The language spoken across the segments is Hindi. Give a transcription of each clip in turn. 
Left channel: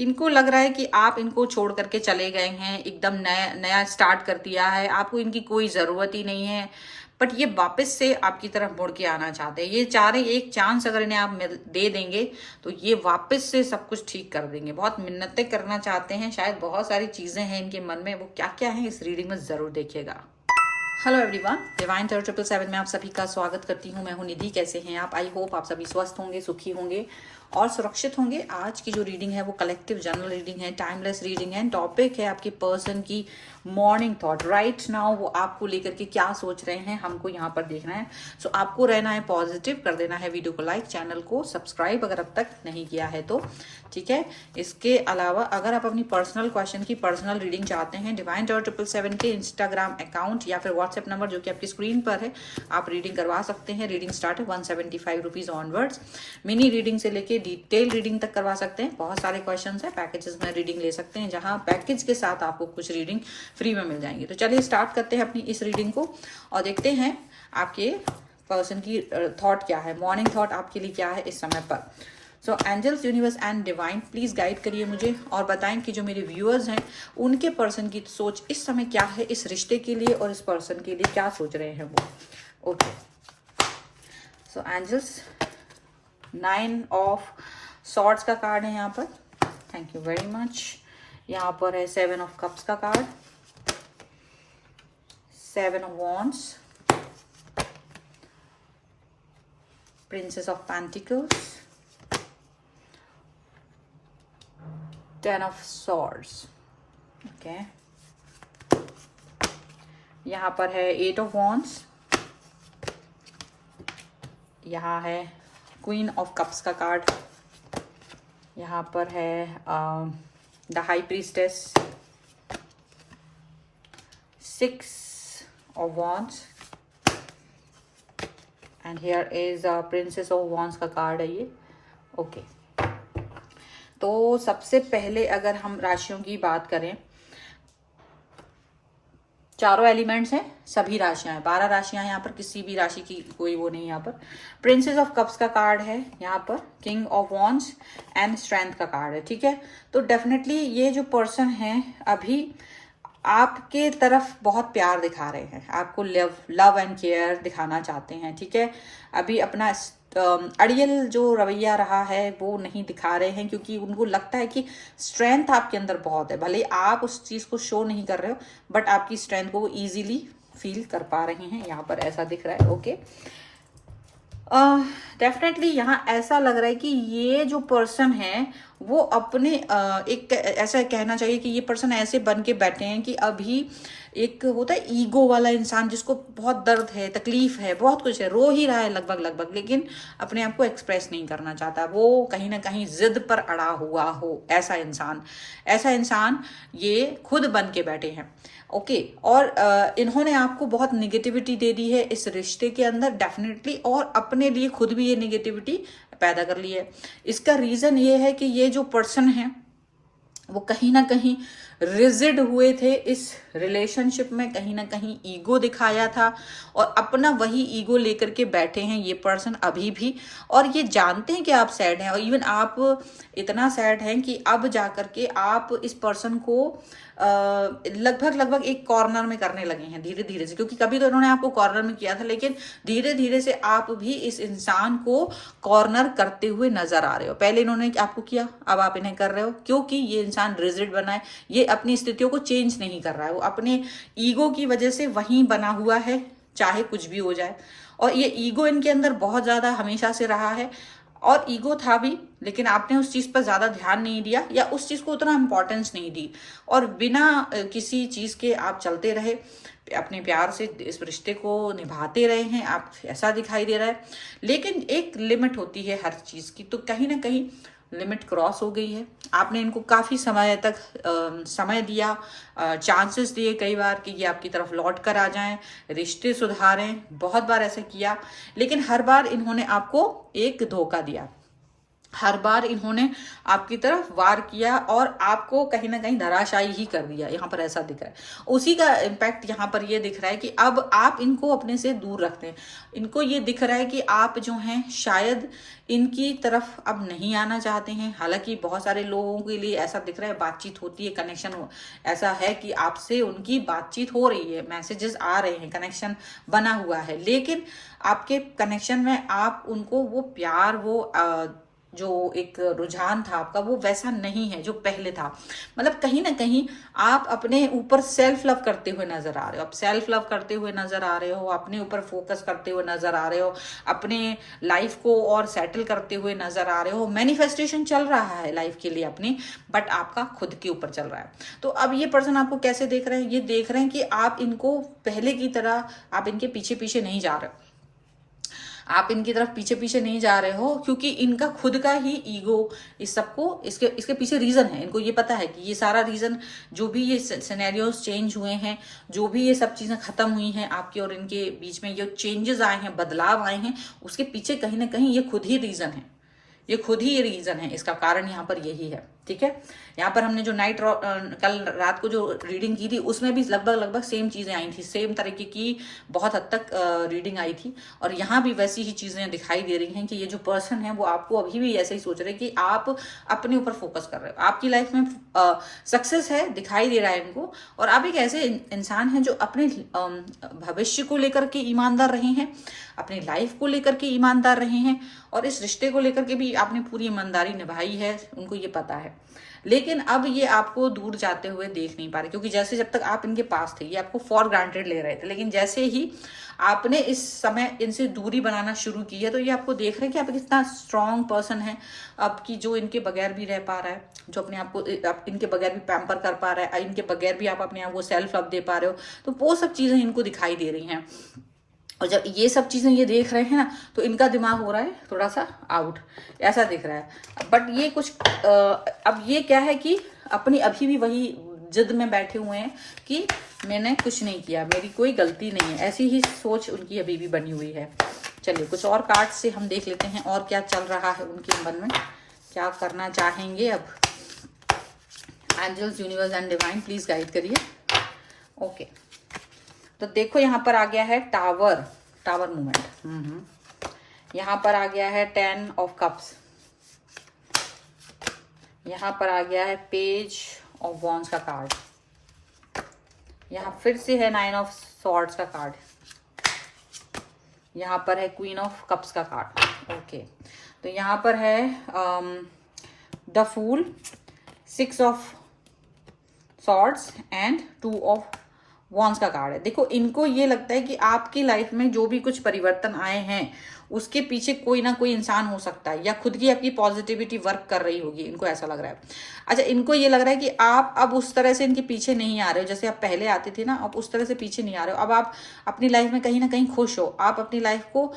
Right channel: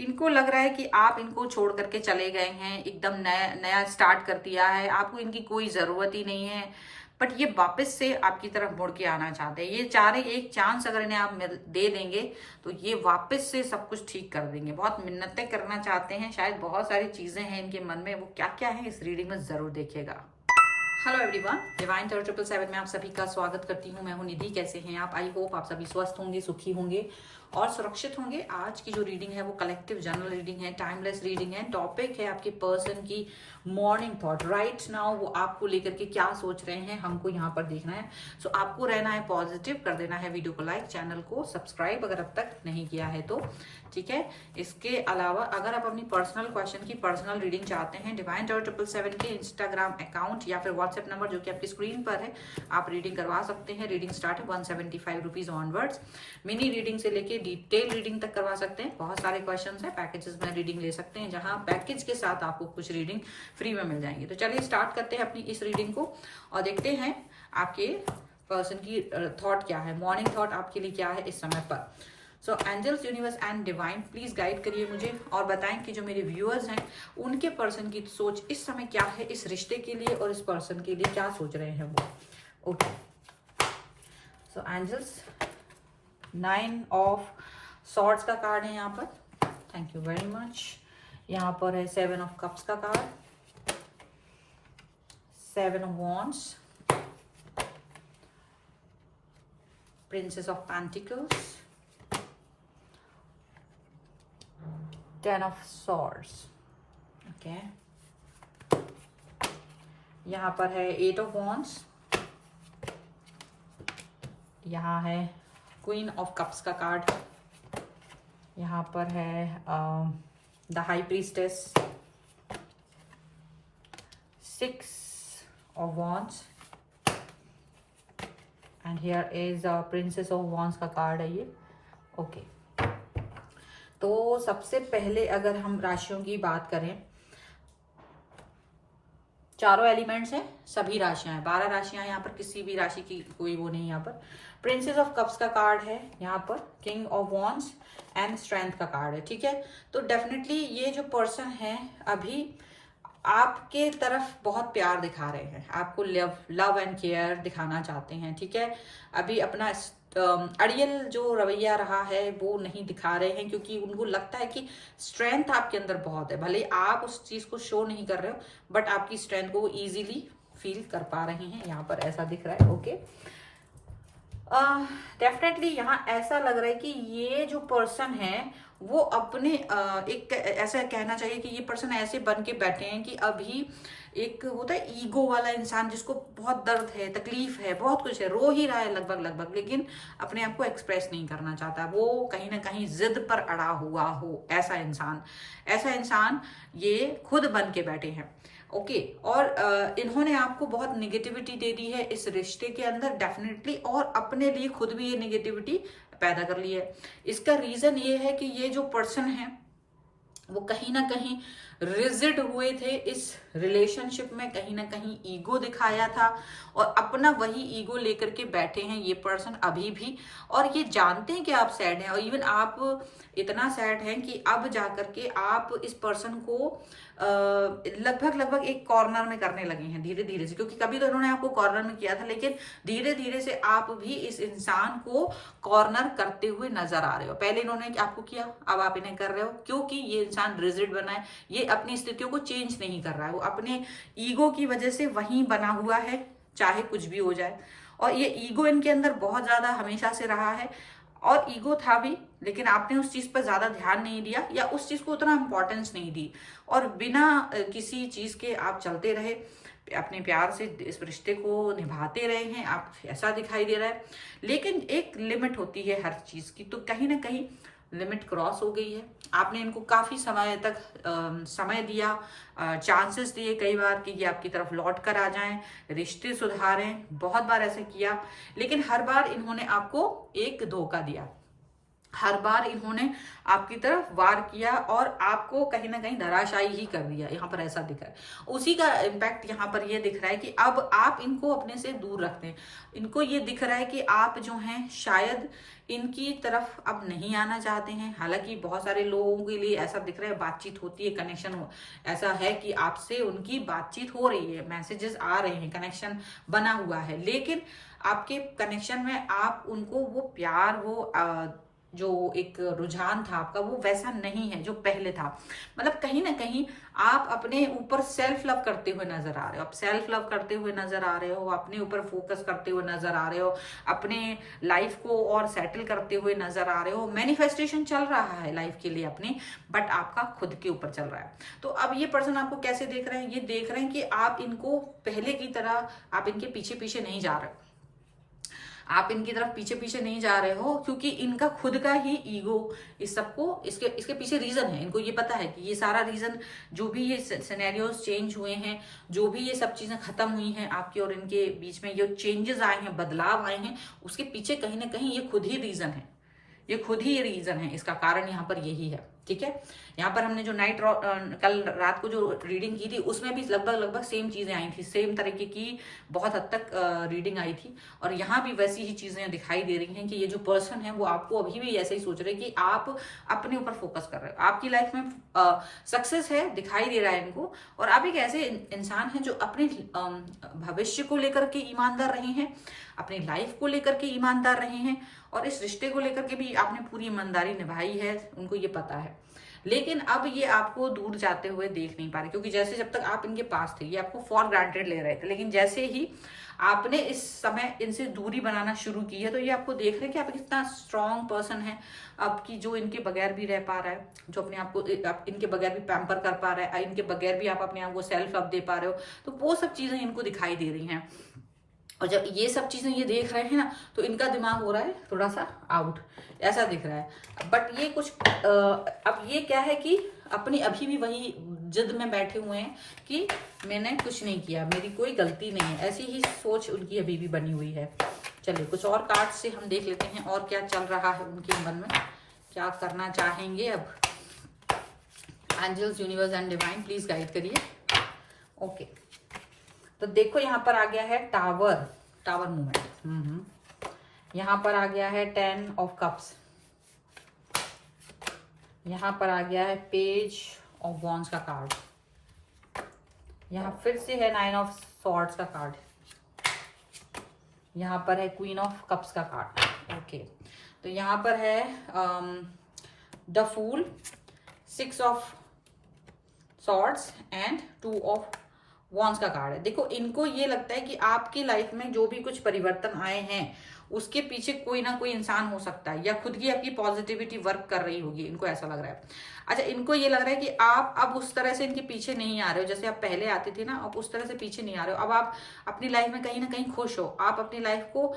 इनको लग रहा है कि आप इनको छोड़ करके चले गए हैं, एकदम नया नया स्टार्ट कर दिया है, आपको इनकी कोई ज़रूरत ही नहीं है। बट ये वापस से आपकी तरफ मुड़ के आना चाहते हैं। ये चाह रहे एक चांस अगर इन्हें आप दे देंगे तो ये वापस से सब कुछ ठीक कर देंगे। बहुत मिन्नतें करना चाहते हैं, शायद बहुत सारी चीज़ें हैं इनके मन में, वो क्या क्या है इस रीडिंग में ज़रूर देखिएगा। हेलो एवरीवन, डिवाइन टेरर 777 में आप सभी का स्वागत करती हूँ। मैं हूँ निधि। कैसे हैं आप? आई होप आप सभी स्वस्थ होंगे, सुखी होंगे और सुरक्षित होंगे। आज की जो रीडिंग है वो कलेक्टिव जनरल रीडिंग है, टाइमलेस रीडिंग है। टॉपिक है आपकी पर्सन की मॉर्निंग थॉट। राइट नाउ वो आपको लेकर के क्या सोच रहे हैं, हमको यहाँ पर देखना है। सो आपको रहना है पॉजिटिव, कर देना है वीडियो को लाइक, चैनल को सब्सक्राइब अगर अब तक नहीं किया है तो, ठीक है। इसके अलावा अगर आप अपनी पर्सनल क्वेश्चन की पर्सनल रीडिंग चाहते हैं, डिवाइन टेरर 777 के इंस्टाग्राम अकाउंट या फिर व्हाट्सएप नंबर जो कि आपकी स्क्रीन पर है, आप रीडिंग करवा सकते हैं। रीडिंग स्टार्ट है 175 रुपीज ऑनवर्ड्स। मिनी रीडिंग से लेके डिटेल रीडिंग तक करवा सकते हैं। बहुत सारे क्वेश्चन है, पैकेजेस में रीडिंग ले सकते हैं, जहां पैकेज के साथ आपको कुछ रीडिंग फ्री में मिल जाएंगी। तो चलिए स्टार्ट करते हैं अपनी इस रीडिंग को और देखते हैं आपके पर्सन की थॉट क्या है, मॉर्निंग थॉट आपके लिए क्या है इस समय पर। So angels, universe and divine, please guide करिए मुझे और बताएं कि जो मेरे व्यूअर्स हैं उनके पर्सन की सोच इस समय क्या है, इस रिश्ते के लिए और इस पर्सन के लिए क्या सोच रहे हैं वो। Okay, so angels, 9 of swords का कार्ड है यहाँ पर। Thank you very much. यहाँ पर है 7 ऑफ कप्स का card, 7 of wands, princess of pentacles, 10 of swords। Okay, यहाँ पर है 8 of wands, यहाँ है क्वीन ऑफ कप्स का कार्ड, यहाँ पर है the high priestess, 6 of wands and here is princess of wands का कार्ड है ये। ओके, तो सबसे पहले अगर हम राशियों की बात करें, चारों एलिमेंट्स हैं, सभी राशियां हैं, 12 राशियां यहाँ पर, किसी भी राशि की कोई वो नहीं। यहाँ पर प्रिंसेस ऑफ कप्स का कार्ड है, यहाँ पर king of wands and strength का कार्ड है, ठीक है। तो डेफिनेटली ये जो पर्सन है अभी आपके तरफ बहुत प्यार दिखा रहे हैं, आपको लव एंड केयर दिखाना चाहते हैं, ठीक है। अभी अपना अड़ियल जो रवैया रहा है वो नहीं दिखा रहे हैं, क्योंकि उनको लगता है कि स्ट्रेंथ आपके अंदर बहुत है। भले आप उस चीज को शो नहीं कर रहे हो, बट आपकी स्ट्रेंथ को वो इजीली फील कर पा रहे हैं, यहाँ पर ऐसा दिख रहा है। ओके, डेफिनेटली यहाँ ऐसा लग रहा है कि ये जो पर्सन है वो अपने एक ऐसा कहना चाहिए कि ये पर्सन ऐसे बन के बैठे हैं कि अभी एक होता है ईगो वाला इंसान, जिसको बहुत दर्द है, तकलीफ है, बहुत कुछ है, रो ही रहा है लगभग, लेकिन अपने आप को एक्सप्रेस नहीं करना चाहता, वो कहीं ना कहीं जिद पर अड़ा हुआ हो। ऐसा इंसान ये खुद बन के बैठे हैं। ओके, और इन्होंने आपको बहुत निगेटिविटी दे दी है इस रिश्ते के अंदर डेफिनेटली, और अपने लिए खुद भी ये निगेटिविटी पैदा कर ली है। इसका रीजन ये है कि ये जो पर्सन है वो कहीं ना कहीं रिजिड हुए थे इस रिलेशनशिप में, कहीं ना कहीं ईगो दिखाया था और अपना वही ईगो लेकर के बैठे हैं ये पर्सन अभी भी। और ये जानते हैं कि आप सैड हैं, और इवन आप इतना सैड हैं कि अब जाकर के आप इस पर्सन को लगभग एक कॉर्नर में करने लगे हैं धीरे धीरे से, क्योंकि कभी तो इन्होंने आपको कॉर्नर में किया था, लेकिन धीरे धीरे से आप भी इस इंसान को कॉर्नर करते हुए नजर आ रहे हो। पहले इन्होंने आपको किया, अब आप इन्हें कर रहे हो, क्योंकि ये इंसान रिजिड बना है, ये अपनी स्थितियों को चेंज नहीं कर रहा है, वो अपने ईगो की वजह से वहीं बना हुआ है, चाहे कुछ भी हो जाए। और ये ईगो इनके अंदर बहुत ज्यादा हमेशा से रहा है, और ईगो था भी, लेकिन आपने उस चीज पर ज्यादा ध्यान नहीं दिया या उस चीज को उतना इंपॉर्टेंस नहीं दी, और बिना किसी चीज के आप चलते रहे, अपने प्यार से इस रिश्ते को निभाते रहे हैं आप, ऐसा दिखाई दे रहा है। लेकिन एक लिमिट होती है हर चीज की, तो कहीं ना कहीं लिमिट क्रॉस हो गई है। आपने इनको काफी समय तक समय दिया, चांसेस दिए कई बार कि ये आपकी तरफ लौट कर आ जाएं, रिश्ते सुधारें, बहुत बार ऐसा किया, लेकिन हर बार इन्होंने आपको एक धोखा दिया। हर बार इन्होंने आपकी तरफ वार किया और आपको कहीं ना कहीं धराशायी ही कर दिया, यहाँ पर ऐसा दिख रहा है। उसी का इम्पैक्ट यहाँ पर ये दिख रहा है कि अब आप इनको अपने से दूर रखते हैं। इनको ये दिख रहा है कि आप जो हैं शायद इनकी तरफ अब नहीं आना चाहते हैं। हालांकि बहुत सारे लोगों के लिए ऐसा दिख रहा है, बातचीत होती है, कनेक्शन हो, ऐसा है कि आपसे उनकी बातचीत हो रही है, मैसेजेस आ रहे हैं, कनेक्शन बना हुआ है, लेकिन आपके कनेक्शन में आप उनको वो प्यार, वो जो एक रुझान था आपका, वो वैसा नहीं है जो पहले था। मतलब कहीं ना कहीं आप अपने ऊपर सेल्फ लव करते हुए नजर आ रहे हो, आप सेल्फ लव करते हुए नजर आ रहे हो, अपने ऊपर फोकस करते हुए नजर आ रहे हो, अपने लाइफ को और सेटल करते हुए नजर आ रहे हो। मैनिफेस्टेशन चल रहा है लाइफ के लिए अपनी, बट आपका खुद के ऊपर चल रहा है। तो अब ये पर्सन आपको कैसे देख रहे हैं? ये देख रहे हैं कि आप इनको पहले की तरह, आप इनके पीछे पीछे नहीं जा रहे, आप इनकी तरफ पीछे पीछे नहीं जा रहे हो, क्योंकि इनका खुद का ही ईगो इस सबको, इसके पीछे रीजन है। इनको ये पता है कि ये सारा रीजन, जो भी ये सिनेरियोस चेंज हुए हैं, जो भी ये सब चीजें खत्म हुई हैं आपके और इनके बीच में, जो चेंजेस आए हैं, बदलाव आए हैं, उसके पीछे कहीं ना कहीं ये खुद ही रीजन है, ये खुद ही ये रीजन है, इसका कारण यहाँ पर यही है। ठीक है, यहाँ पर हमने जो कल रात को जो रीडिंग की थी उसमें भी लगभग सेम चीजें आई थी, सेम तरीके की बहुत हद तक रीडिंग आई थी, और यहाँ भी वैसी ही चीजें दिखाई दे रही हैं कि ये जो पर्सन है वो आपको अभी भी ऐसे ही सोच रहे हैं कि आप अपने ऊपर फोकस कर रहे हो, आपकी लाइफ में सक्सेस है, दिखाई दे रहा है इनको। और आप एक ऐसे इंसान हैं जो अपने भविष्य को लेकर के ईमानदार रहे हैं, अपनी लाइफ को लेकर के ईमानदार रहे हैं, और इस रिश्ते को लेकर के भी आपने पूरी ईमानदारी निभाई है, उनको ये पता है। लेकिन अब ये आपको दूर जाते हुए देख नहीं पा रहे, क्योंकि जैसे जब तक आप इनके पास थे ये आपको फॉर ग्रांटेड ले रहे थे, लेकिन जैसे ही आपने इस समय इनसे दूरी बनाना शुरू की है तो ये आपको देख रहे हैं कि आप कितना स्ट्रांग पर्सन है, आपकी जो इनके बगैर भी रह पा रहा है, जो अपने आप को इनके बगैर भी पैम्पर कर पा रहा है, इनके बगैर भी आप अपने आप को सेल्फ लव दे पा रहे हो। तो वो सब चीजें इनको दिखाई दे रही हैं, और जब ये सब चीजें ये देख रहे हैं ना, तो इनका दिमाग हो रहा है थोड़ा सा आउट, ऐसा दिख रहा है। बट ये कुछ अब ये क्या है कि अपनी अभी भी वही जिद में बैठे हुए हैं कि मैंने कुछ नहीं किया, मेरी कोई गलती नहीं है, ऐसी ही सोच उनकी अभी भी बनी हुई है। चलिए कुछ और कार्ड से हम देख लेते हैं और क्या चल रहा है उनके मन में, क्या करना चाहेंगे अब। Angels, universe and divine please guide करिए। ओके, तो देखो यहाँ पर आ गया है टावर मूवमेंट, यहाँ पर आ गया है 10 ऑफ कप्स, यहाँ पर आ गया है पेज ऑफ वॉन्ड्स का कार्ड, यहाँ फिर से है 9 ऑफ सॉर्ड्स का कार्ड, यहाँ पर है क्वीन ऑफ कप्स का कार्ड। ओके, तो यहाँ पर है the fool, 6 of swords and 2 of wands का कार्ड है। देखो इनको ये लगता है कि आपकी लाइफ में जो भी कुछ परिवर्तन आए हैं उसके पीछे कोई ना कोई इंसान हो सकता है, या खुद की आपकी पॉजिटिविटी वर्क कर रही होगी, इनको ऐसा लग रहा है। अच्छा, इनको ये लग रहा है कि आप अब उस तरह से इनके पीछे नहीं आ रहे हो जैसे आप पहले आते थे ना, अब उस तरह से पीछे नहीं आ रहे हो। अब आप अपनी लाइफ में कहीं ना कहीं खुश हो, आप अपनी लाइफ को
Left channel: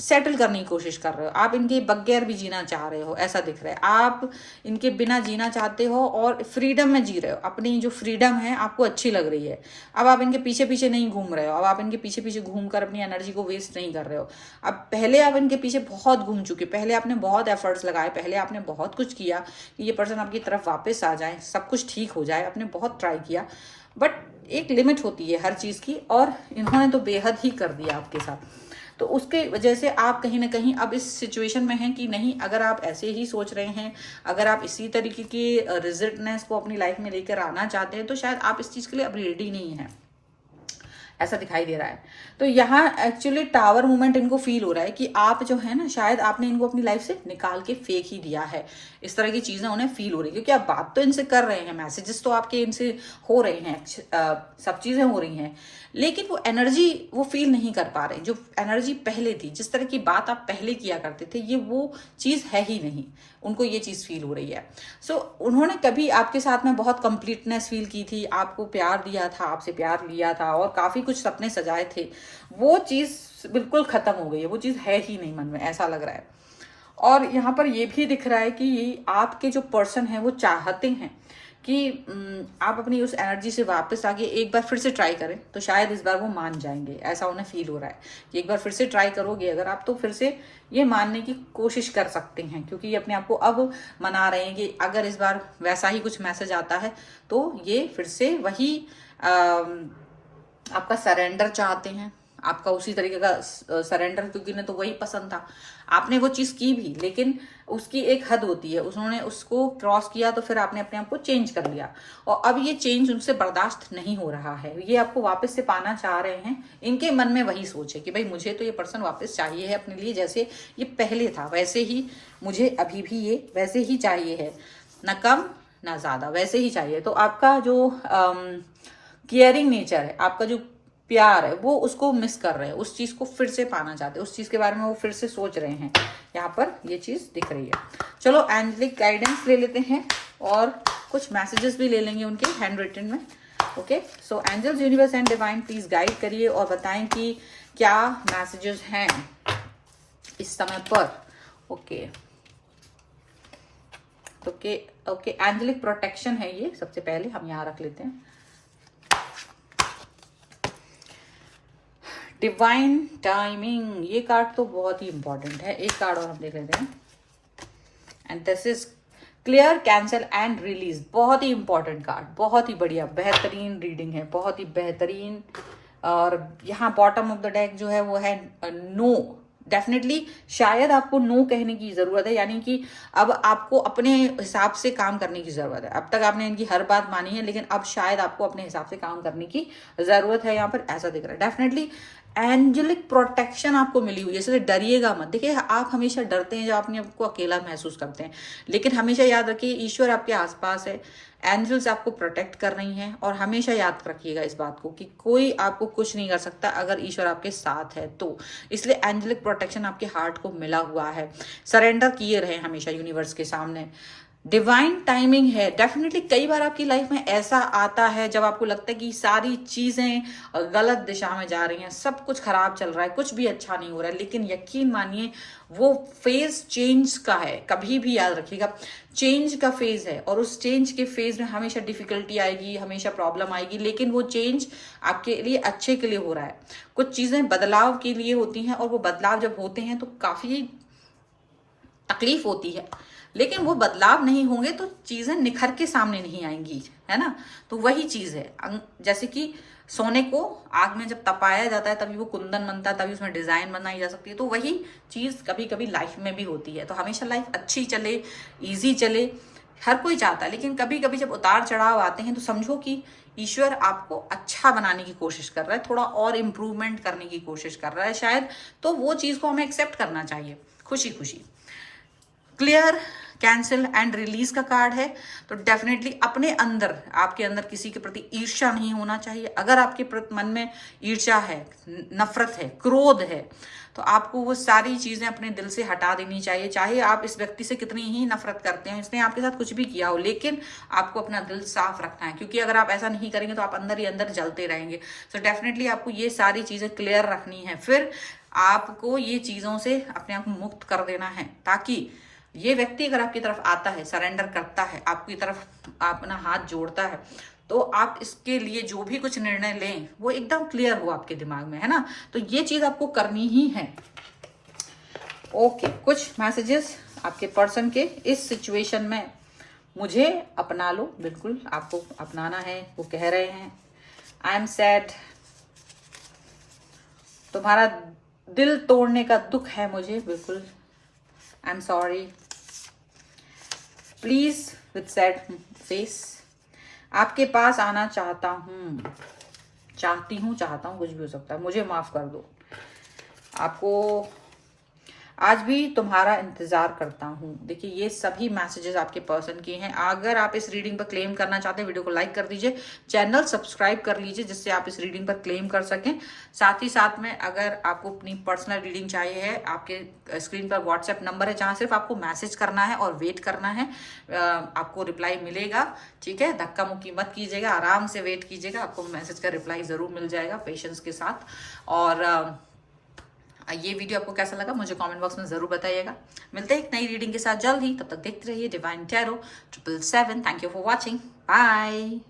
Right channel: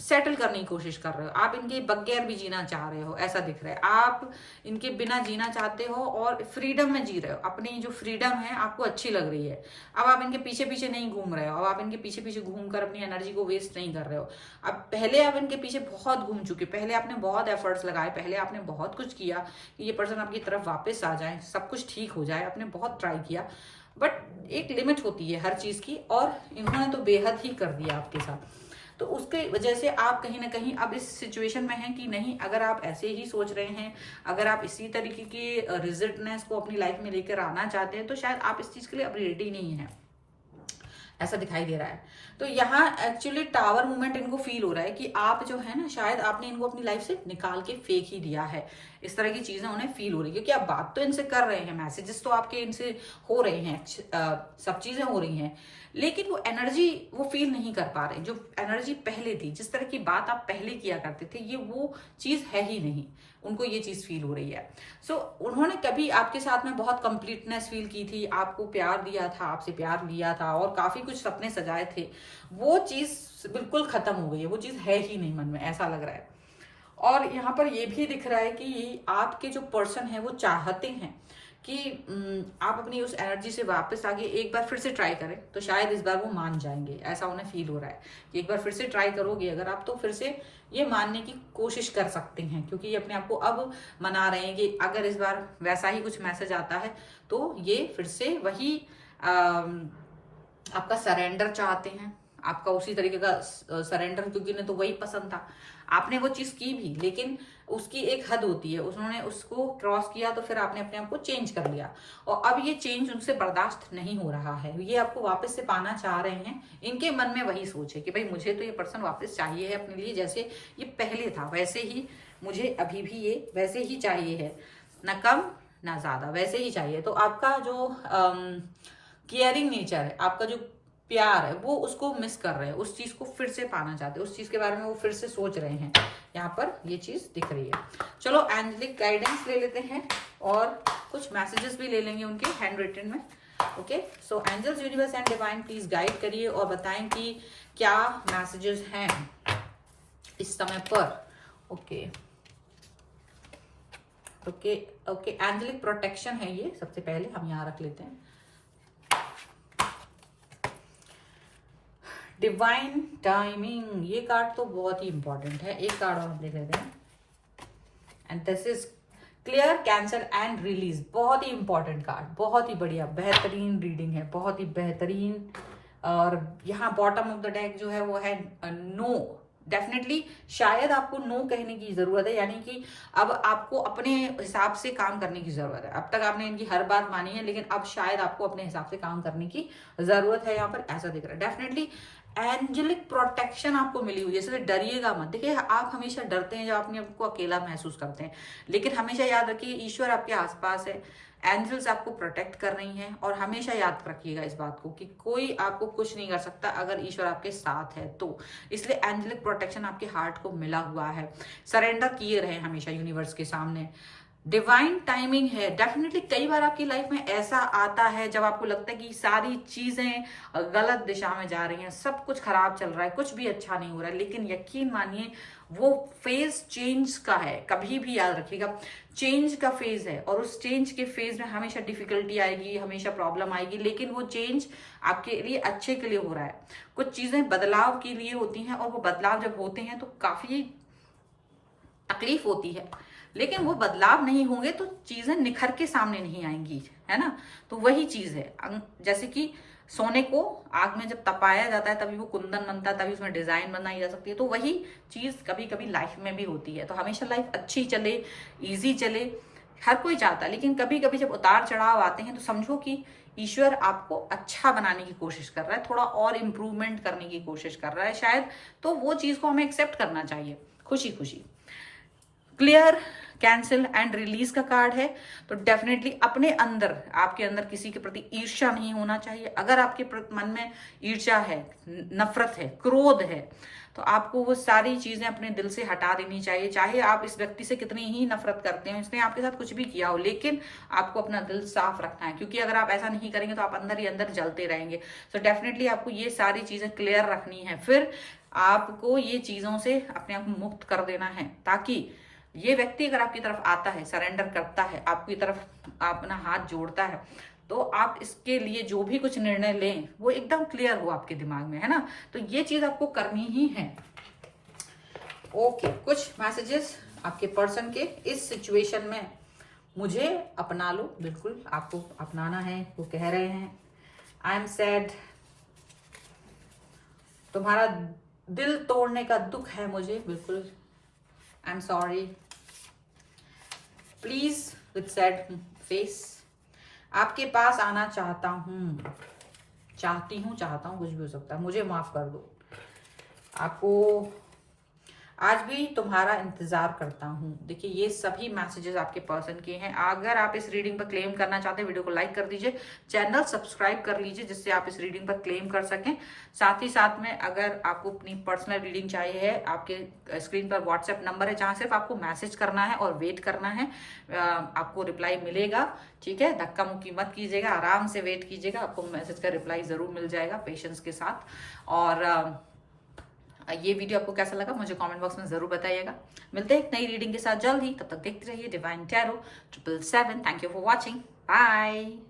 सेटल करने की कोशिश कर रहे हो, आप इनके बगैर भी जीना चाह रहे हो, ऐसा दिख रहा है। आप इनके बिना जीना चाहते हो और फ्रीडम में जी रहे हो, अपनी जो फ्रीडम है आपको अच्छी लग रही है। अब आप इनके पीछे पीछे नहीं घूम रहे हो, अब आप इनके पीछे पीछे घूमकर अपनी एनर्जी को वेस्ट नहीं कर रहे हो। अब पहले आप इनके पीछे बहुत घूम चुके, पहले आपने बहुत एफर्ट्स लगाए, पहले आपने बहुत कुछ किया कि ये पर्सन आपकी तरफ वापस आ जाए, सब कुछ ठीक हो जाए, आपने बहुत ट्राई किया, बट एक लिमिट होती है हर चीज़ की, और इन्होंने तो बेहद ही कर दिया आपके साथ। तो उसके वजह से आप कहीं ना कहीं अब इस सिचुएशन में हैं कि नहीं, अगर आप ऐसे ही सोच रहे हैं, अगर आप इसी तरीके की रिजल्टनेस को अपनी लाइफ में लेकर आना चाहते हैं, तो शायद आप इस चीज़ के लिए अब रेडी नहीं है, ऐसा दिखाई दे रहा है। तो यहाँ एक्चुअली टावर मूवमेंट इनको फील हो रहा है कि आप जो है ना, शायद आपने इनको अपनी लाइफ से निकाल के फेंक ही दिया है, इस तरह की चीजें उन्हें फील हो रही है। क्योंकि आप बात तो इनसे कर रहे हैं, मैसेजेस तो आपके इनसे हो रहे हैं, सब चीजें हो रही हैं, लेकिन वो एनर्जी वो फील नहीं कर पा रहे। जो एनर्जी पहले थी, जिस तरह की बात आप पहले किया करते थे, ये वो चीज है ही नहीं, उनको ये चीज फील हो रही है। सो उन्होंने कभी आपके साथ में बहुत कंप्लीटनेस फील की थी, आपको प्यार दिया था, आपसे प्यार लिया था, और काफी कुछ सपने सजाए थे, वो चीज बिल्कुल खत्म हो गई है, वो चीज है ही नहीं मन में, ऐसा लग रहा है। और यहाँ पर ये भी दिख रहा है कि आपके जो पर्सन है वो चाहते हैं कि आप अपनी उस एनर्जी से वापस आके एक बार फिर से ट्राई करें, तो शायद इस बार वो मान जाएंगे। ऐसा उन्हें फील हो रहा है कि एक बार फिर से ट्राई करोगे अगर आप, तो फिर से ये मानने की कोशिश कर सकते हैं, क्योंकि ये अपने आप को अब मना रहे हैं कि अगर इस बार वैसा ही कुछ मैसेज आता है तो ये फिर से वही आपका सरेंडर चाहते हैं, आपका उसी तरीके का सरेंडर, क्योंकि इन्हें तो वही पसंद था। आपने वो चीज़ की भी, लेकिन उसकी एक हद होती है, उन्होंने उसको क्रॉस किया तो फिर आपने अपने आप को चेंज कर लिया, और अब ये चेंज उनसे बर्दाश्त नहीं हो रहा है। ये आपको वापस से पाना चाह रहे हैं। इनके मन में वही सोच है कि भाई मुझे तो ये पर्सन वापस चाहिए है अपने लिए, जैसे ये पहले था वैसे ही मुझे अभी भी ये वैसे ही चाहिए है, ना कम ना ज़्यादा, वैसे ही चाहिए। तो आपका जो केयरिंग नेचर है, आपका जो प्यार है, वो उसको मिस कर रहे हैं, उस चीज को फिर से पाना चाहते हैं, उस चीज के बारे में वो फिर से सोच रहे हैं। यहाँ पर ये चीज दिख रही है। चलो एंजेलिक गाइडेंस ले लेते हैं और कुछ मैसेजेस भी ले लेंगे उनके हैंड रिटन में। Okay, so angels, universe and divine please guide करिए और बताएं कि क्या मैसेजेस हैं इस समय पर। Okay okay okay, angelic protection है ये, सबसे पहले हम यहाँ रख लेते हैं। डिवाइन टाइमिंग, ये कार्ड तो बहुत ही इंपॉर्टेंट है। एक कार्ड और हम देख लेते हैं, and this is clear, cancel and release. बहुत ही इंपॉर्टेंट कार्ड, बहुत ही बढ़िया, बेहतरीन रीडिंग है, बहुत ही बेहतरीन। और यहाँ बॉटम ऑफ द डेक जो है वो है नो। डेफिनेटली शायद आपको नो कहने की जरूरत है, यानी कि अब आपको अपने हिसाब से काम करने की जरूरत है। अब तक आपने इनकी हर बात मानी है, लेकिन अब शायद आपको अपने हिसाब से काम करने की जरूरत है। यहाँ पर ऐसा दिख रहा है। डेफिनेटली एंजेलिक प्रोटेक्शन आपको मिली हुई है, इसलिए डरिएगा मत। देखिए, आप हमेशा डरते हैं जब अपने आपको अकेला महसूस करते हैं, लेकिन हमेशा याद रखिए ईश्वर आपके आसपास है, एंजल्स आपको प्रोटेक्ट कर रही हैं। और हमेशा याद रखिएगा इस बात को कि कोई आपको कुछ नहीं कर सकता अगर ईश्वर आपके साथ है तो। इसलिए एंजेलिक प्रोटेक्शन आपके हार्ट को मिला हुआ है। सरेंडर किए रहे हमेशा यूनिवर्स के सामने। डिवाइन टाइमिंग है। डेफिनेटली कई बार आपकी लाइफ में ऐसा आता है जब आपको लगता है कि सारी चीजें गलत दिशा में जा रही हैं, सब कुछ खराब चल रहा है, कुछ भी अच्छा नहीं हो रहा है, लेकिन यकीन मानिए वो फेज चेंज का है। कभी भी याद रखिएगा, चेंज का फेज है, और उस चेंज के फेज में हमेशा डिफिकल्टी आएगी, हमेशा प्रॉब्लम आएगी, लेकिन वो चेंज आपके लिए अच्छे के लिए हो रहा है। कुछ चीजें बदलाव के लिए होती हैं, और वो बदलाव जब होते हैं तो काफी तकलीफ होती है, लेकिन वो बदलाव नहीं होंगे तो चीजें निखर के सामने नहीं आएंगी, है ना। तो वही चीज है, जैसे कि सोने को आग में जब तपाया जाता है तभी वो कुंदन बनता है, तभी उसमें डिजाइन बनाई जा सकती है। तो वही चीज कभी कभी लाइफ में भी होती है। तो हमेशा लाइफ अच्छी चले, इजी चले, हर कोई चाहता है, लेकिन कभी कभी जब उतार चढ़ाव आते हैं तो समझो कि ईश्वर आपको अच्छा बनाने की कोशिश कर रहा है, थोड़ा और इम्प्रूवमेंट करने की कोशिश कर रहा है शायद। तो वो चीज को हमें एक्सेप्ट करना चाहिए खुशी खुशी। क्लियर, कैंसिल एंड रिलीज का कार्ड है। तो डेफिनेटली अपने अंदर, आपके अंदर किसी के प्रति ईर्ष्या नहीं होना चाहिए। अगर आपके मन में ईर्ष्या है, नफरत है, क्रोध है, तो आपको वो सारी चीजें अपने दिल से हटा देनी चाहिए। चाहे आप इस व्यक्ति से कितनी ही नफरत करते हो, इसने आपके साथ कुछ भी किया हो, लेकिन आपको अपना दिल साफ रखना है, क्योंकि अगर आप ऐसा नहीं करेंगे तो आप अंदर ही अंदर जलते रहेंगे। सो डेफिनेटली आपको ये सारी चीजें क्लियर रखनी है। फिर आपको ये चीजों से अपने आप को मुक्त कर देना है, ताकि ये व्यक्ति अगर आपकी तरफ आता है, सरेंडर करता है, आपकी तरफ अपना हाथ जोड़ता है, तो आप इसके लिए जो भी कुछ निर्णय लें वो एकदम क्लियर हो आपके दिमाग में, है ना। तो ये चीज आपको करनी ही है। ओके, कुछ मैसेजेस आपके पर्सन के इस सिचुएशन में, मुझे अपना लो, बिल्कुल आपको अपनाना है। वो कह रहे हैं आई एम सैड, तुम्हारा दिल तोड़ने का दुख है मुझे, बिल्कुल I am sorry, please with sad face, आपके पास आना चाहता हूं, चाहती हूं, चाहता हूं, कुछ भी हो सकता है, मुझे माफ कर दो, आपको आज भी तुम्हारा इंतजार करता हूं। देखिए, ये सभी मैसेजेस आपके पर्सन के हैं। अगर आप इस रीडिंग पर क्लेम करना चाहते हैं, वीडियो को लाइक कर दीजिए, चैनल सब्सक्राइब कर लीजिए, जिससे आप इस रीडिंग पर क्लेम कर सकें। साथ ही साथ में अगर आपको अपनी पर्सनल रीडिंग चाहिए है, आपके स्क्रीन पर व्हाट्सएप नंबर है, जहां सिर्फ आपको मैसेज करना है और वेट करना है, आपको रिप्लाई मिलेगा। ठीक है, धक्का मुक्की मत कीजिएगा, आराम से वेट कीजिएगा, आपको मैसेज का रिप्लाई जरूर मिल जाएगा, पेशेंस के साथ। और ये वीडियो आपको कैसा लगा मुझे कमेंट बॉक्स में जरूर बताइएगा। मिलते हैं एक नई रीडिंग के साथ जल्द ही, तब तक देखते रहिए divine tarot 777। Thank you for watching. Bye.